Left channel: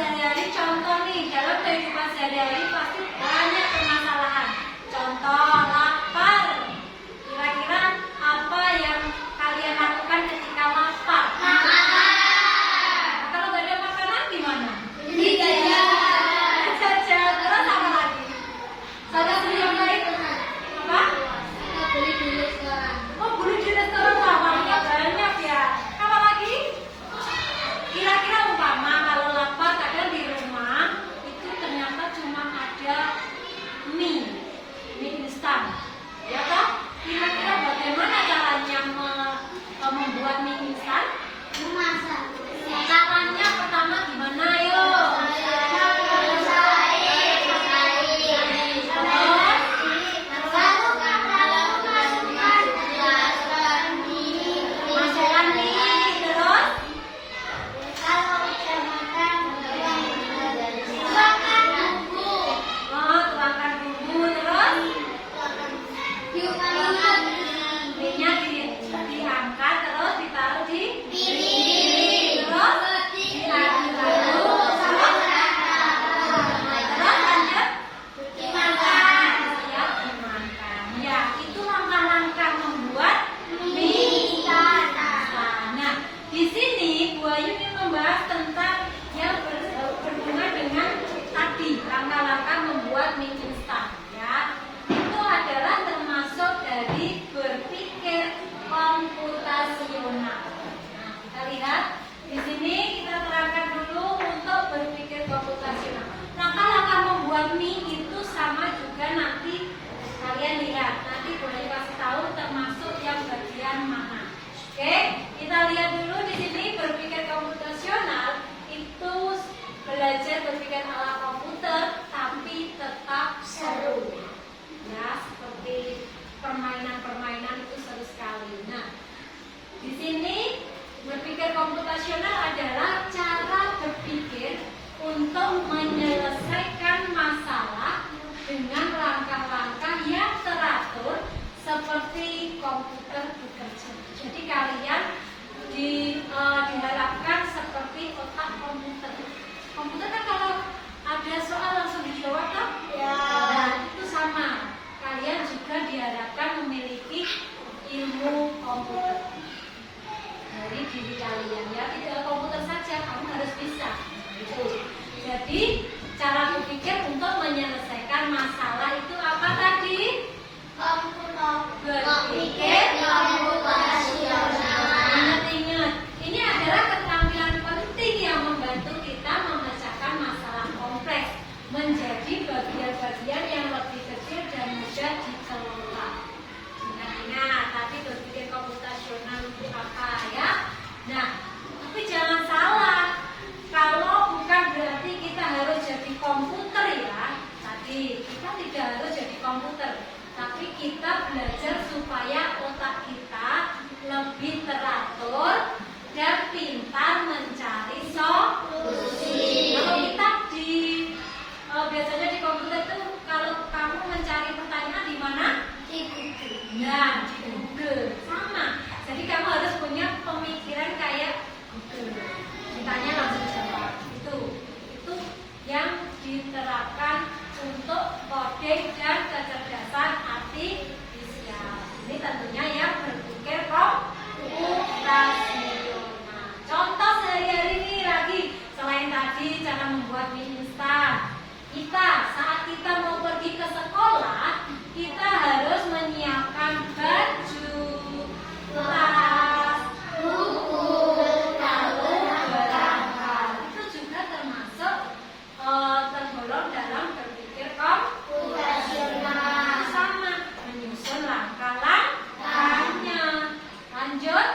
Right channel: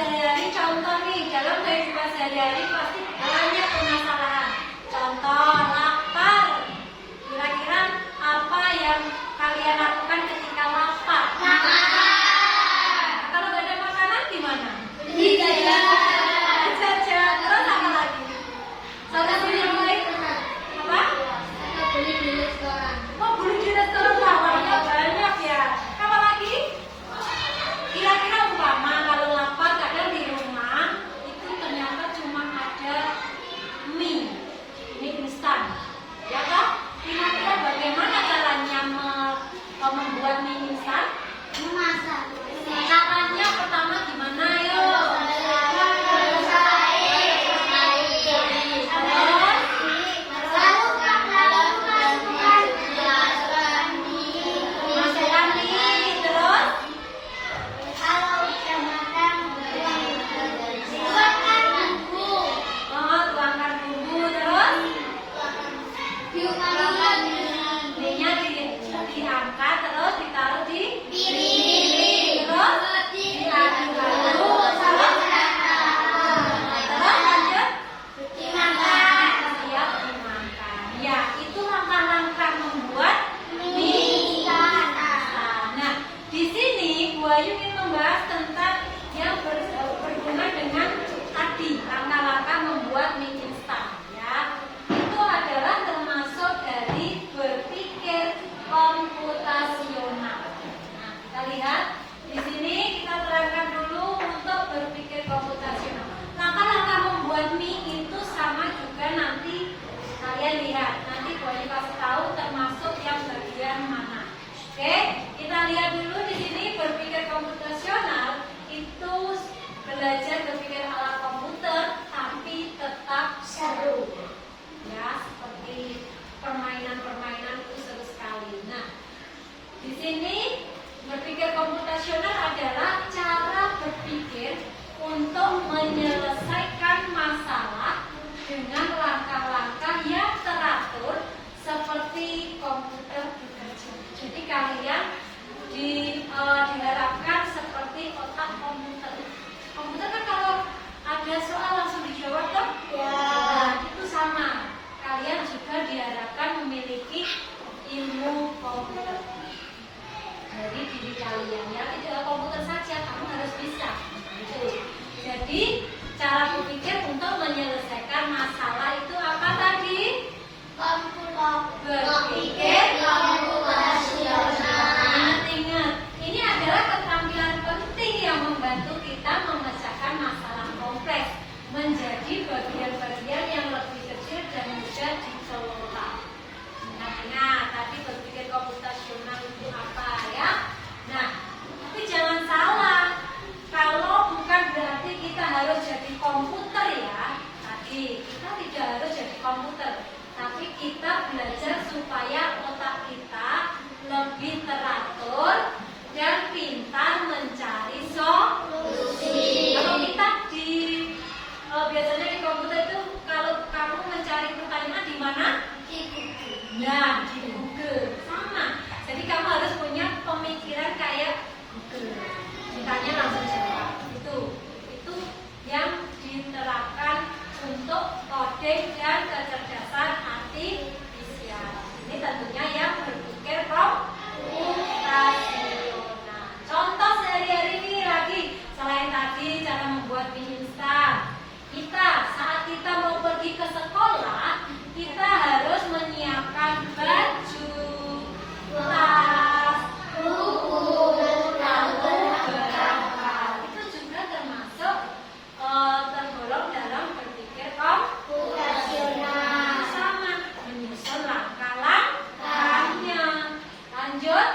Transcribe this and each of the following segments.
sehari-hari, contoh nih, dalam kehidupan sehari-hari pasti banyak permasalahan. Contoh, lapar. Kira-kira apa yang kalian lakukan ketika lapar? Makan. Kalau nggak ada makanan gimana? Beli jajan. Jajan. Terus apa lagi? Solusi yang lain? Apa? Beli di restoran. Oh, beli di restoran namanya banyak ya. Apa lagi? Kira-kira umpama kalau lapar kadang di rumah itu ternyata cuma ada mie instan, ya kan? Kira-kira bagaimana caranya membuat mie instan? Memasak. Caranya pertama gimana yuk? Diangkat terus ditaruh di piring, terus diaduk terus lanjut dimakan. Siap dimakan. Ya, itu langkah-langkah membuat mie instan. Nah, di sini Bu Ayu ingin membahas tentang yang berhubungan dengan tadi langkah-langkah membuat mie instan. Ya, itu adalah termasuk dari berpikir komputasional. Nah, kita lihat di sini, kita terangkan dulu untuk berpikir komputasional. Langkah-langkah membuat mie itu sama juga nanti kalian lihat. Nanti boleh kasih tahu termasuk yang bagian mana. Oke, kita lihat dulu di sini berpikir komputasional itu belajar berpikir ala komputer tapi tetap seru. Ya, seperti permainan-permainan itu seru sekali. Nah, di sini berpikir komputasional adalah cara berpikir untuk menyelesaikan masalah dengan langkah-langkah yang teratur seperti komputer bekerja. Jadi kalian diharapkan seperti otak komputer. Komputer kan kalau ada soal langsung dijawab kan? Ya. Nah, itu sama. Kalian juga diharapkan memiliki ilmu komputer dari diri kalian, ya. Tidak komputer saja, kamu harus bisa. Gitu. Jadi cara berpikir untuk menyelesaikan masalah itu apa tadi? Berpikir komputasional. Ingat-ingat, ini adalah keterampilan penting yang membantu kita memecahkan masalah kompleks menjadi bagian-bagian yang lebih kecil dan mudah dikelola. Ingat, tapi berpikir komputasional itu apa ya? Nah, tapi jangan salah. Kalau bukan berarti kita harus jadi komputer ya. Tadi kita tidak harus jadi komputer, tapi kita belajar supaya otak kita lebih teratur dan pintar mencari solusi. Kalau kita biasanya di komputer itu kalau kamu mencari pertanyaan di mana? Di Google. Ya, di Google. Sama. Jadi kamu harus punya pemikiran kayak Google. Ditanya langsung jawab. Itu yang diterapkan untuk coding dan kecerdasan artifisial. Ini tentunya yang berpikir komputasional. Contoh sehari-hari ini lagi, selain tadi cara membuat mie instan, saat kita mau pergi ke sekolah, kita harus menyiapkan baju, tas, buku, lalu berangkat. Itu juga termasuk tergolong dalam berpikir komputasional. Sama, menyusun langkah-langkahnya. Lanjut.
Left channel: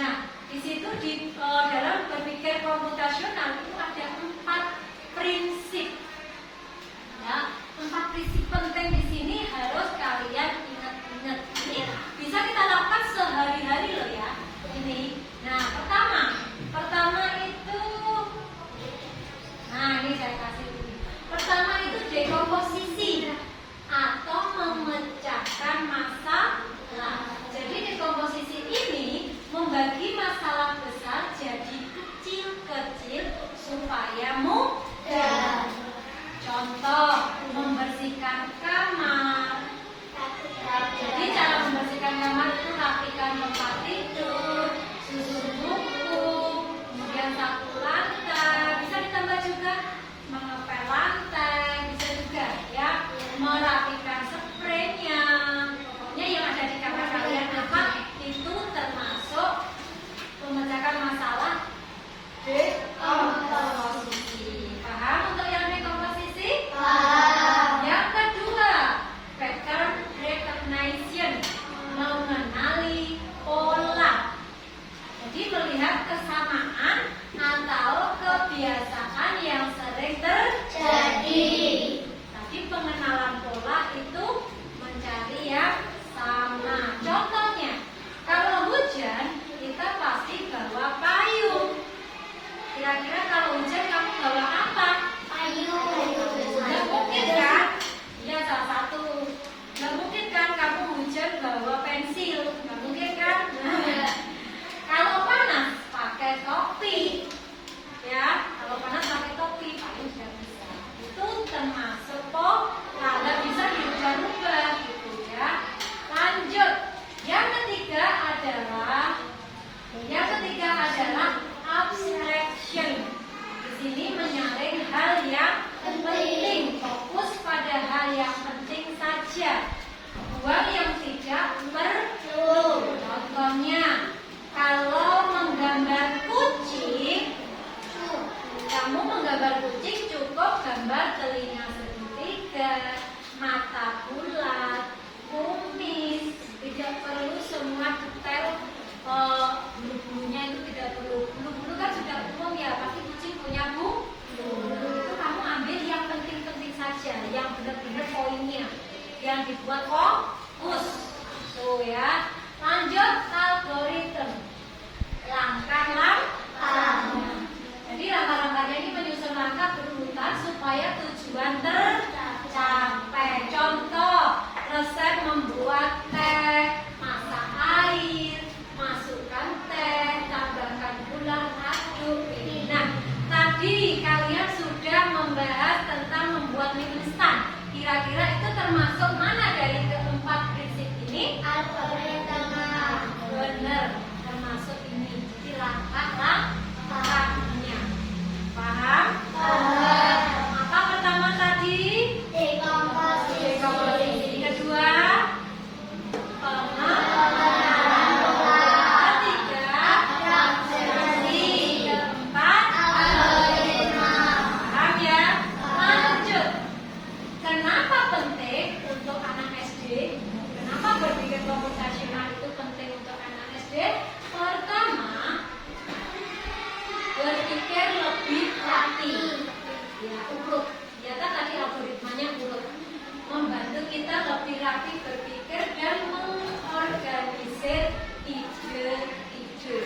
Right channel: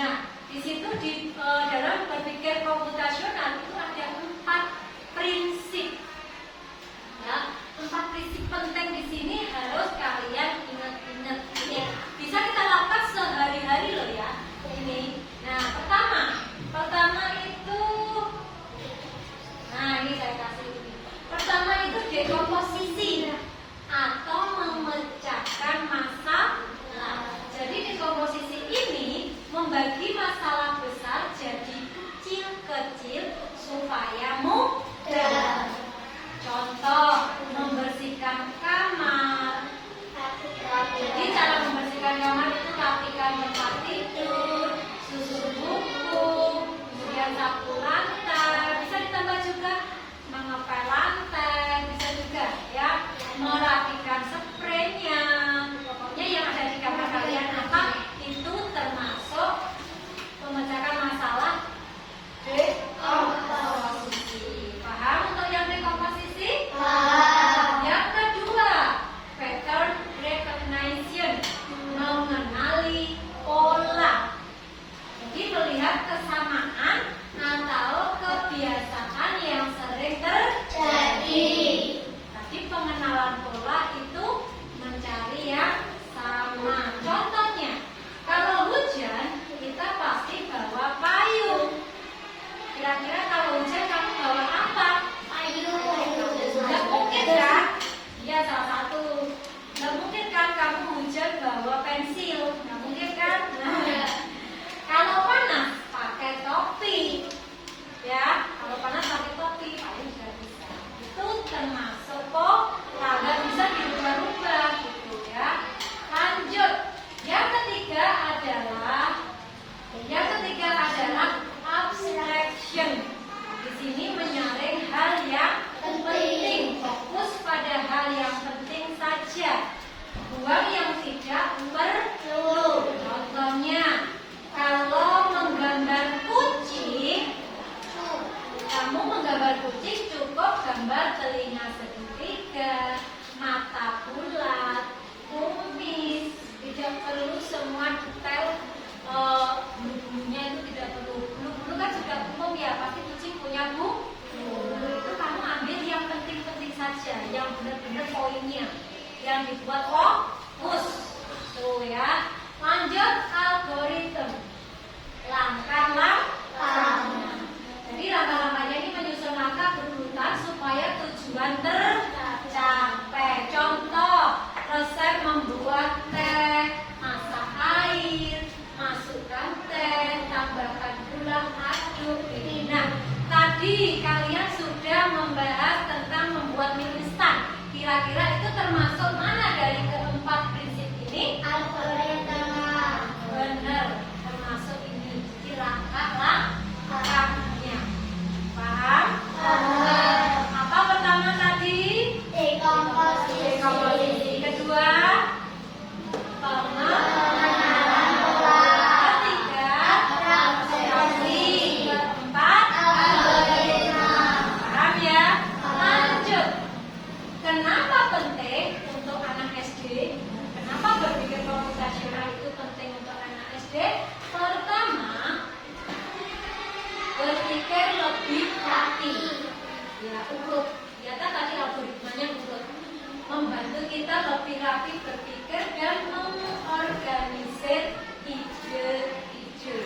Nah, di situ dalam berpikir komputasional itu ada 4 prinsip. Ya, 4 prinsip penting di sini harus kalian ingat-ingat. Ini bisa kita lakukan sehari-hari loh ya. Ini. Nah, pertama itu, nah ini saya kasih ini. Pertama itu dekomposisi atau memecahkan masalah. Jadi dekomposisi ini membagi masalah besar jadi kecil-kecil supaya menyapu lantai, bisa ditambah juga mengepel lantai, bisa juga ya merapikan spraynya. Pokoknya yang ada di kamar kalian apa itu termasuk memecahkan masalah dekomposisi. Paham untuk yang dekomposisi? Yang kedua, pattern recognition, mengenali pola. Jadi melihat kesamaan atau kebiasaan yang sering terjadi. Tapi pengenalan pola itu mencari yang sama. Contohnya, kalau hujan kita pasti bawa payung. Kira-kira kalau hujan kamu bawa apa? Nggak mungkin kan? Ya salah satu. Nggak mungkin kan kamu hujan bawa pensil? Nggak mungkin kan? Kalau panas pakai topi. Ya, kalau panas pakai topi paling sudah bisa. Itu termasuk pola. Nggak bisa dirubah-rubah gitu ya. Lanjut. Yang ketiga adalah abstraction. Di sini menyaring hal yang penting, fokus pada hal yang penting saja. Buang yang tidak perlu. Contohnya, kalau menggambar kucing, kamu menggambar kucing cukup gambar telinga segitiga, mata bulat, kumis, tidak perlu semua detail. Bulu-bulunya itu tidak perlu. Bulu-bulu kan sudah umum ya, pasti kucing punya bulu. Itu kamu ambil yang penting-penting saja, yang benar-benar poinnya, yang dibuat fokus. Tuh ya. Lanjut algoritma. Langkah-langkah. Jadi langkah-langkahnya ini menyusun langkah berurutan supaya tujuan tercapai. Contoh, resep membuat teh, masak air, masukkan teh, tambahkan gula, aduk. Nah, tadi kalian sudah membahas tentang membuat mie instan. Kira-kira itu termasuk mana dari keempat prinsip ini? Benar, termasuk ini. Jadi langkah-langkahnya. Paham? Apa pertama tadi? Dekomposisi. Kedua, pengenalan pola. Ketiga, abstraksi. Keempat, algoritma. Paham ya? Lanjut. Kenapa penting untuk anak SD? Kenapa berpikir komputasional itu penting untuk anak SD? Pertama, berpikir lebih rapi. Ya, urut. Ya, tadi algoritmanya urut. Membantu kita lebih rapi berpikir dan mengorganisir ide-ide.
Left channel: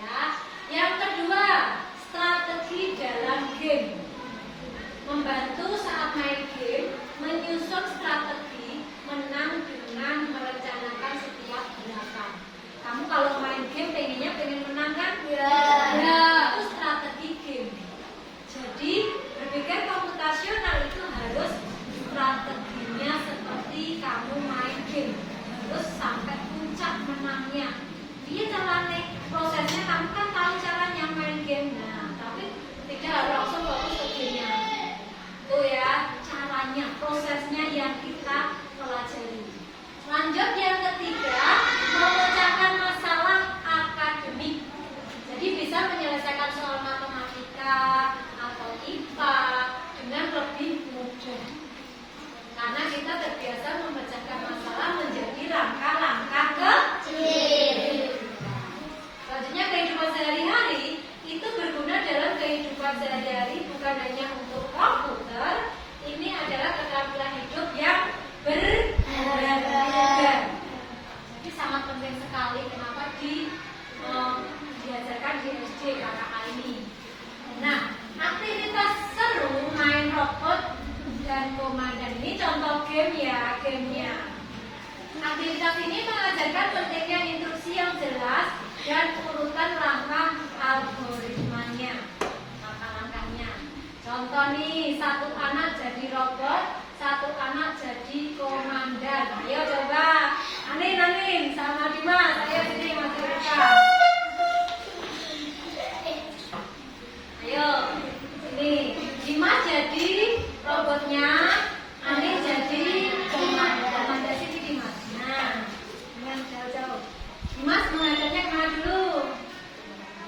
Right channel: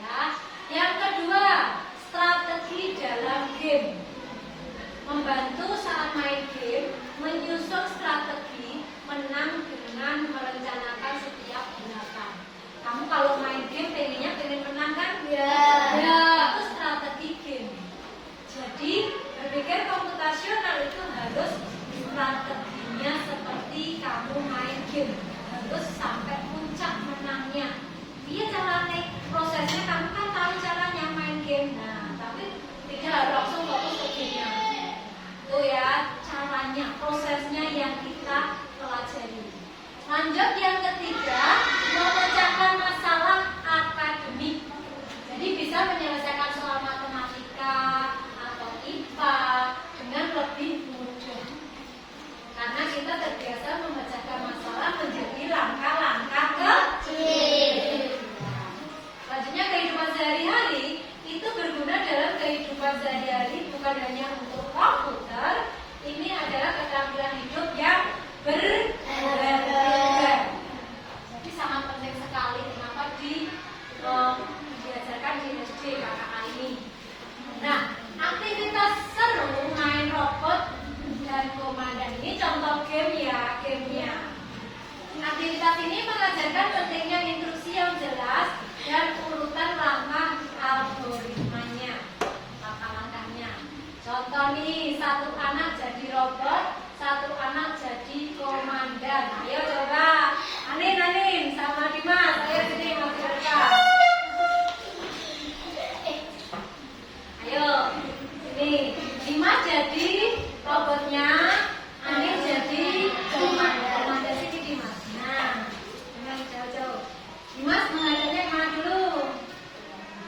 Ya. Yang kedua, strategi dalam game. Membantu saat main game, menyusun strategi menang dengan merencanakan setiap gerakan. Kamu kalau main game pengen menang kan? Ya, itu strategi game. Jadi berpikir komputasional itu harus strateginya seperti kamu main game, harus sampai puncak menangnya. Iya caranya, prosesnya kamu kan tahu caranya main game. Nah, tapi tidak harus langsung fokus ke gamenya. Oh ya, caranya, prosesnya yang kita pelajari. Lanjut yang ketiga, memecahkan masalah akademik. Jadi bisa menyelesaikan soal matematika atau IPA dengan lebih mudah. Karena kita terbiasa memecahkan masalah menjadi langkah-langkah kecil. Selanjutnya kehidupan sehari-hari itu berguna dalam kehidupan sehari-hari, bukan hanya untuk komputer. Ini adalah keterampilan hidup yang berbeda. Jadi sangat penting sekali. Kenapa diajarkan di SD kakak ini? Nah, aktivitas seru main robot dan komandan ini contoh game ya, gamenya. Aktivitas ini mengajarkan pentingnya instruksi yang jelas dan urutan langkah algoritmanya, langkah-langkahnya. Contoh nih, satu anak jadi robot, satu anak jadi komandan. Ayo coba, Anin sama Dimas, ayo sini Mas Direka.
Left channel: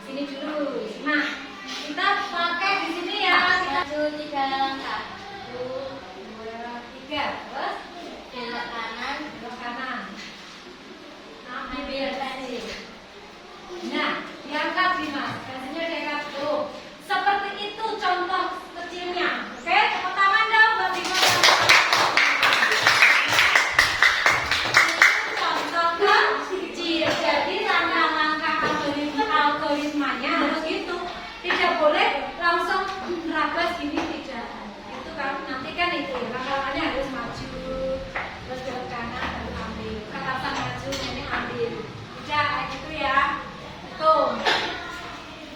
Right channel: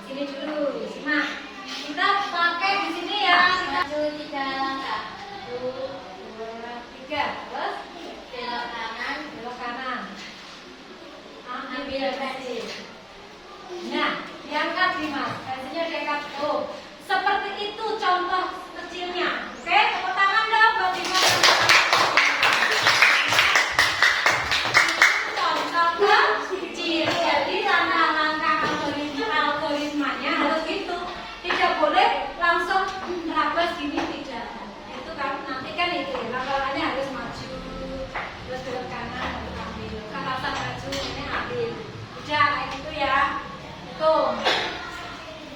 Sini dulu, simak. Kita pakai di sini ya. Kita Maju 3 langkah. 1, 2, 3. Terus Belok kanan. belok kanan. Ambil pensil. Nah, diangkat nih mas. Pensilnya diangkat tuh. Seperti itu contoh kecilnya. Oke, tepuk tangan dong buat Dimas. Contoh kecil. Jadi langkah-langkah algoritmanya harus gitu. Tidak boleh langsung terabas gini, tidak. Itu kan nanti kan itu langkah-langkahnya harus maju, terus belok kanan dan ambil. Ke atas maju, ini ambil. Tidak kayak gitu ya. Itu.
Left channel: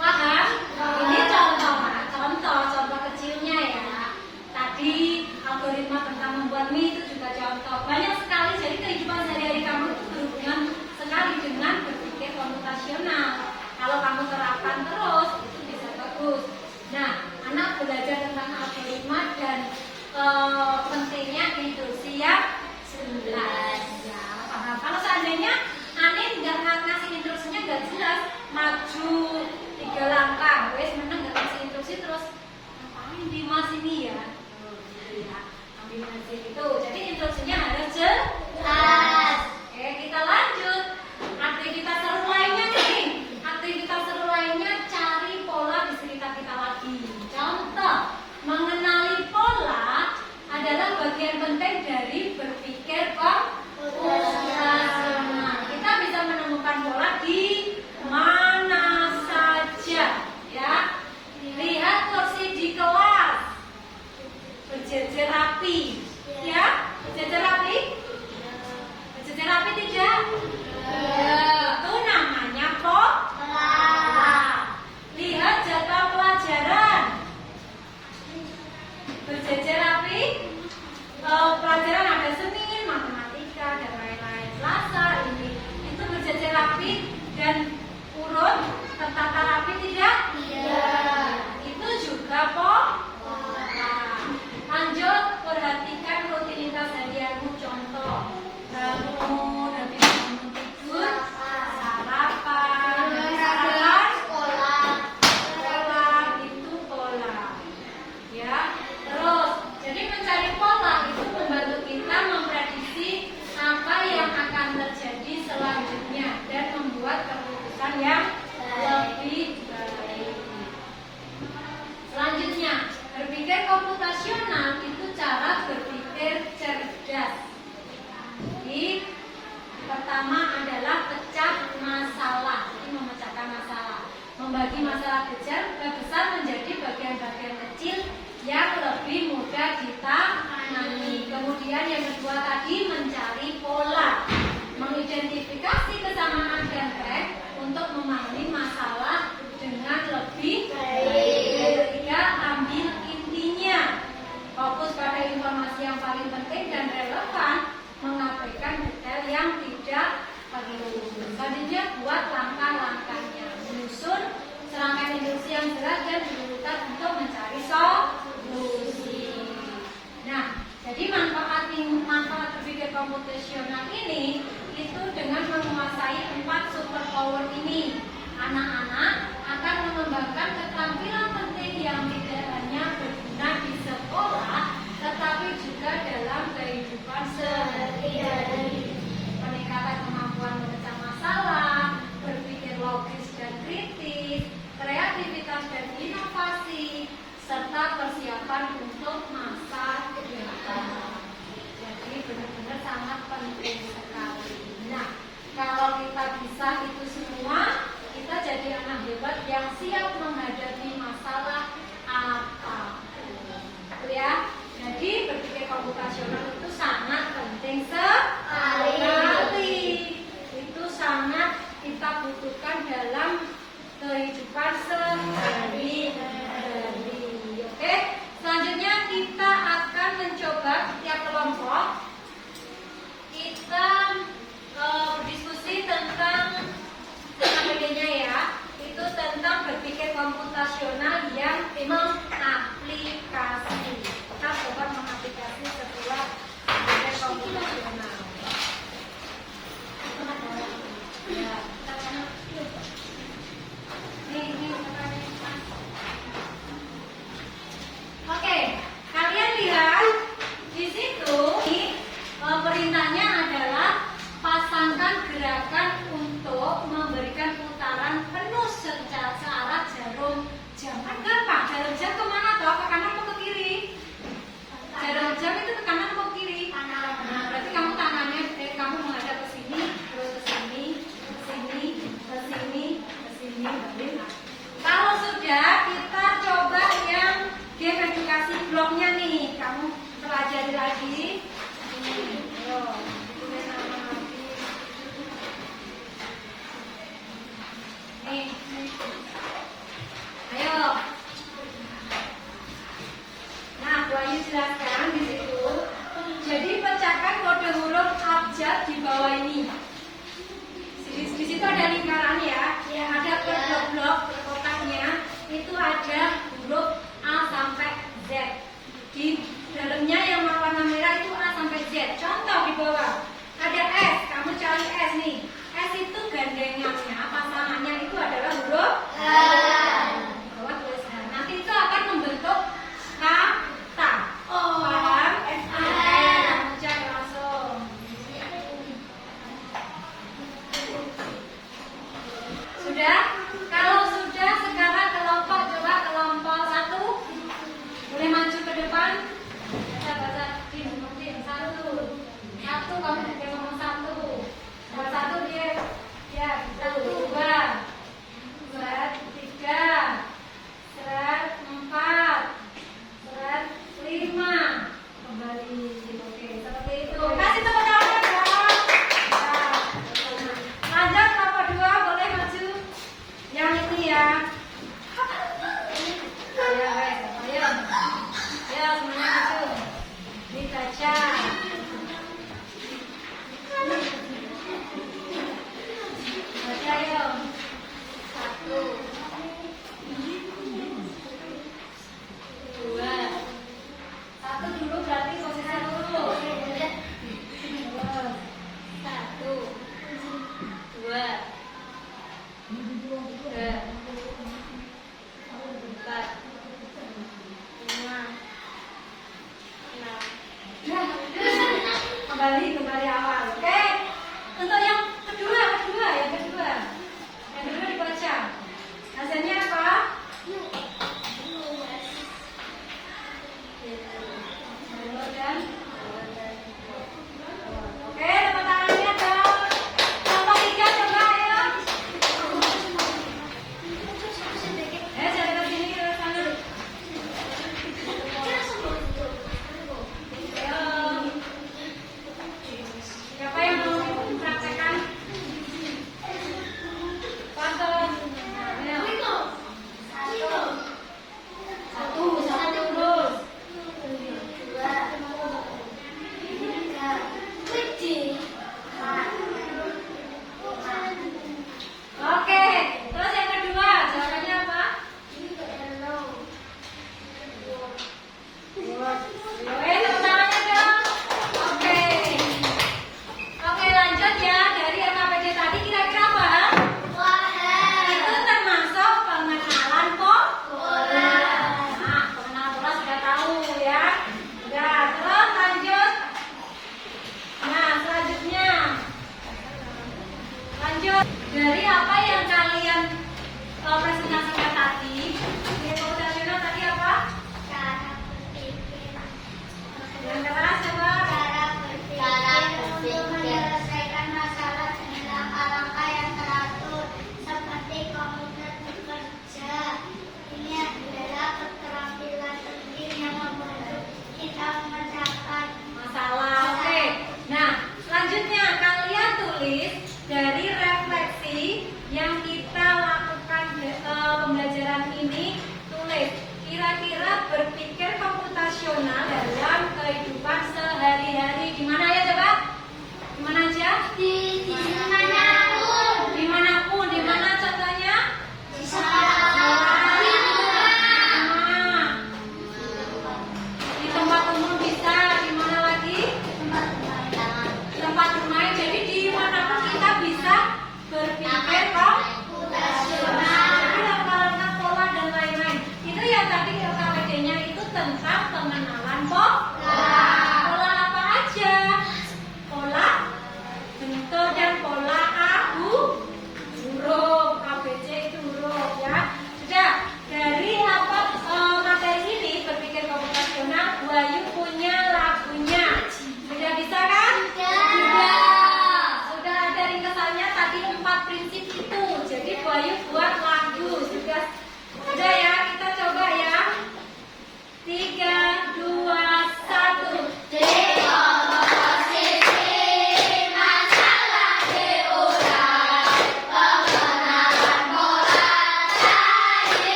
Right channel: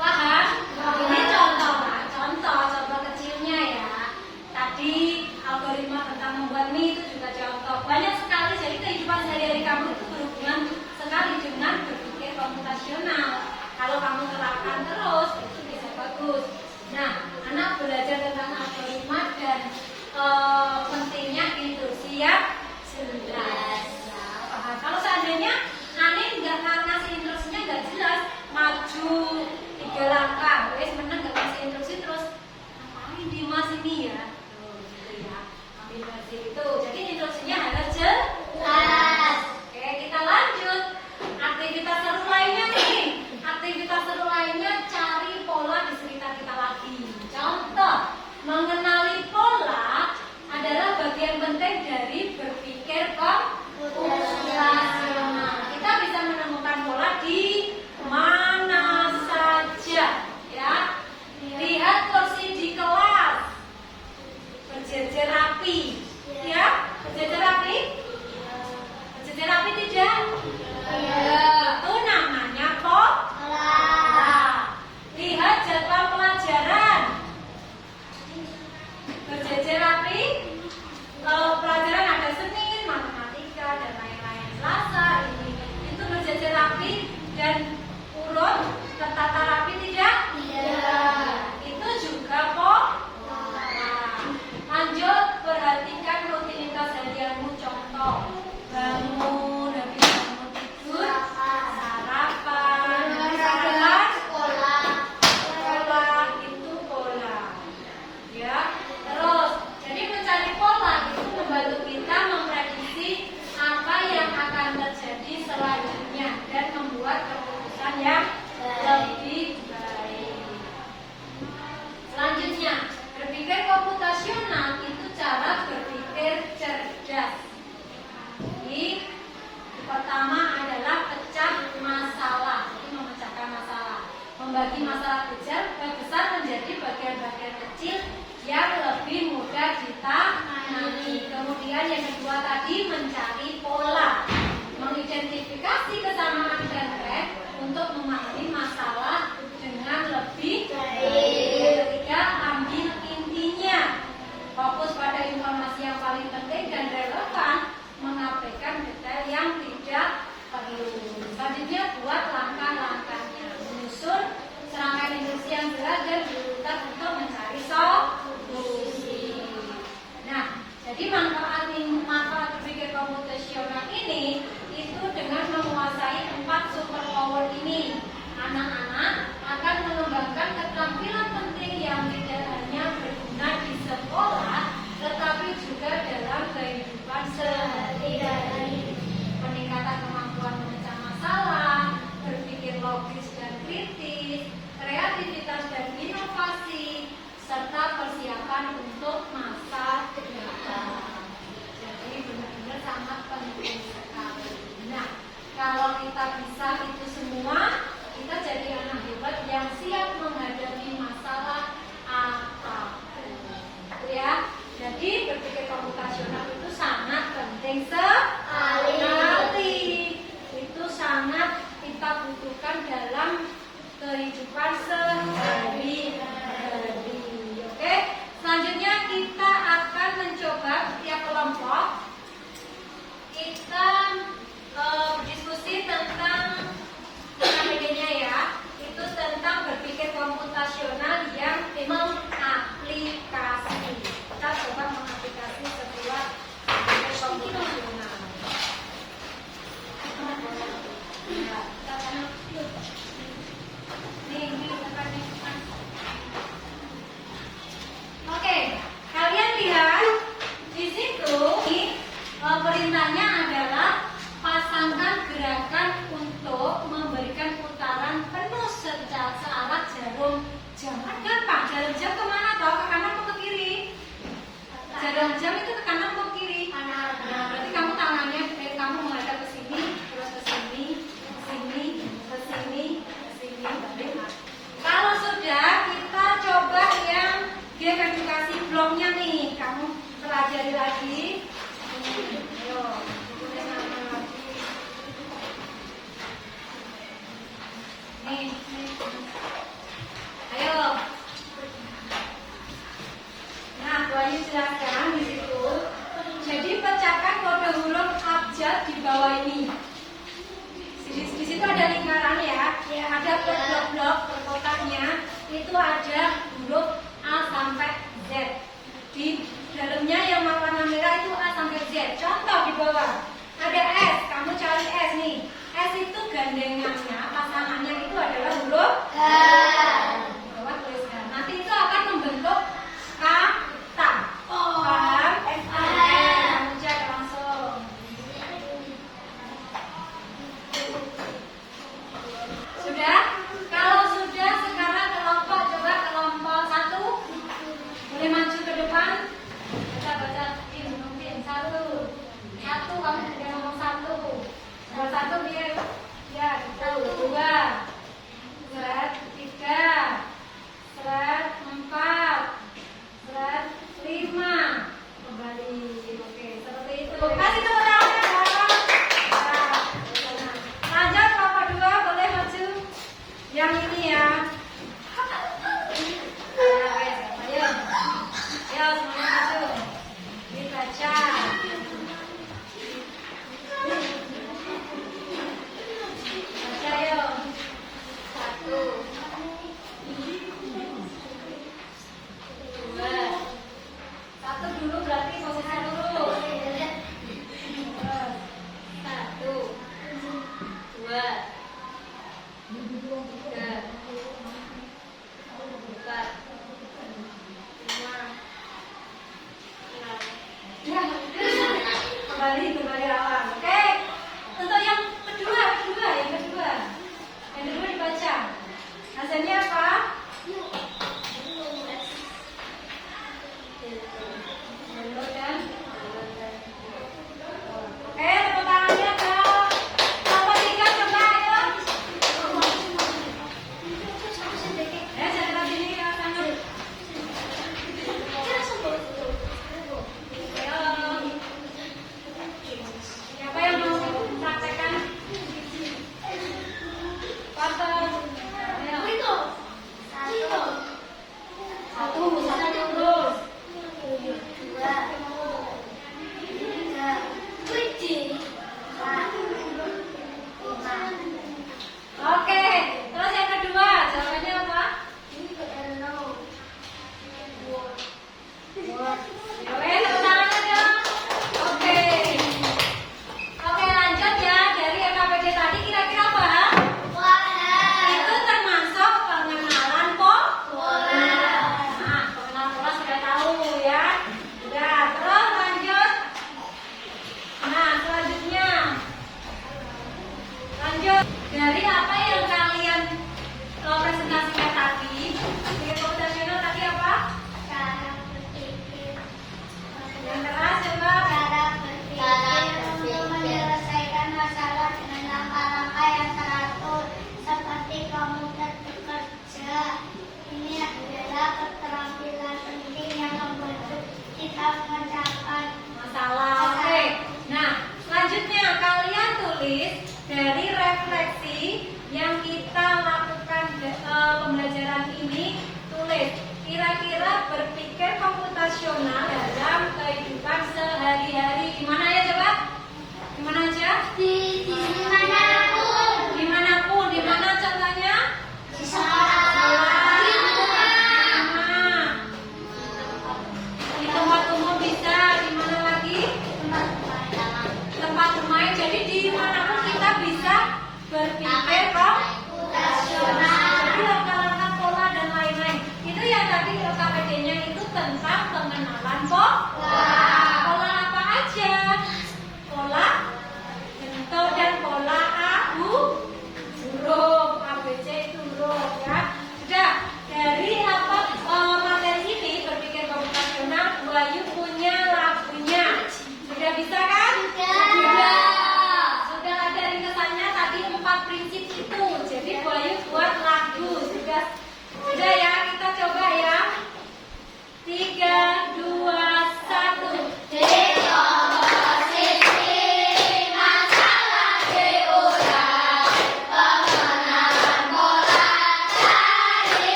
Paham? Ini contoh kecilnya ya. Tadi algoritma tentang membuat mie itu juga contoh. Banyak sekali, jadi kehidupan sehari-hari kamu itu berhubungan sekali dengan berpikir komputasional. Kalau kamu terapkan terus, itu bisa bagus. Nah, anak belajar tentang algoritma dan pentingnya instruksi ya 11. Nah, paham? Kalau seandainya aneh nggak ngasih instruksinya nggak jelas, maju 3 langkah, wes menang nggak ngasih instruksi terus ngapain Dimas ini ya? Gitu ya. Ambil pensil itu. Jadi instruksinya harus jelas. Oke, kita lanjut. Aktivitas seru lainnya nih. Aktivitas seru lainnya cari pola di sekitar kita lagi. Contoh, mengenali pola adalah bagian penting dari berpikir komputasional. Kita bisa menemukan pola di mana saja, ya. Lihat kursi di kelas berjejer rapi, ya. Berjejer rapi? Berjejer rapi tidak? Itu namanya pola. Lihat jadwal pelajaran berjejer rapi. Pelajaran ada Senin, matematika dan lain-lain. Selasa ini itu berjejer rapi dan urut tertata rapi tidak? Tidak. Itu juga pola. Lanjut, perhatikan rutinitas harianmu. Contoh, bangun, habis bangun tidur, sarapan, sekolah, itu pola. Ya, terus jadi mencari pola itu membantu kita memprediksi apa yang akan terjadi selanjutnya dan membuat keputusan yang lebih baik. Selanjutnya, berpikir komputasional itu cara berpikir cerdas. Jadi, pertama adalah pecah masalah. Jadi memecahkan masalah, membagi masalah besar menjadi bagian-bagian kecil yang lebih mudah ditangani. Kemudian yang kedua tadi mencari pola, mengidentifikasi kesamaan dan tren untuk memahami masalah dengan lebih baik. Yang ketiga, ambil intinya, fokus pada informasi yang paling penting dan relevan, mengabaikan detail yang tidak perlu. Selanjutnya buat langkah-langkahnya, menyusun serangkaian instruksi yang jelas dan diurutan untuk mencari solusi. Nah, jadi manfaat berpikir komputasional ini itu dengan menguasai 4 superpower ini, anak-anak akan mengembangkan keterampilan penting yang tidak hanya berguna di sekolah, tetapi juga dalam kehidupan sehari-hari. Peningkatan kemampuan memecah masalah, berpikir logis dan kritis, kreativitas dan inovasi, serta persiapan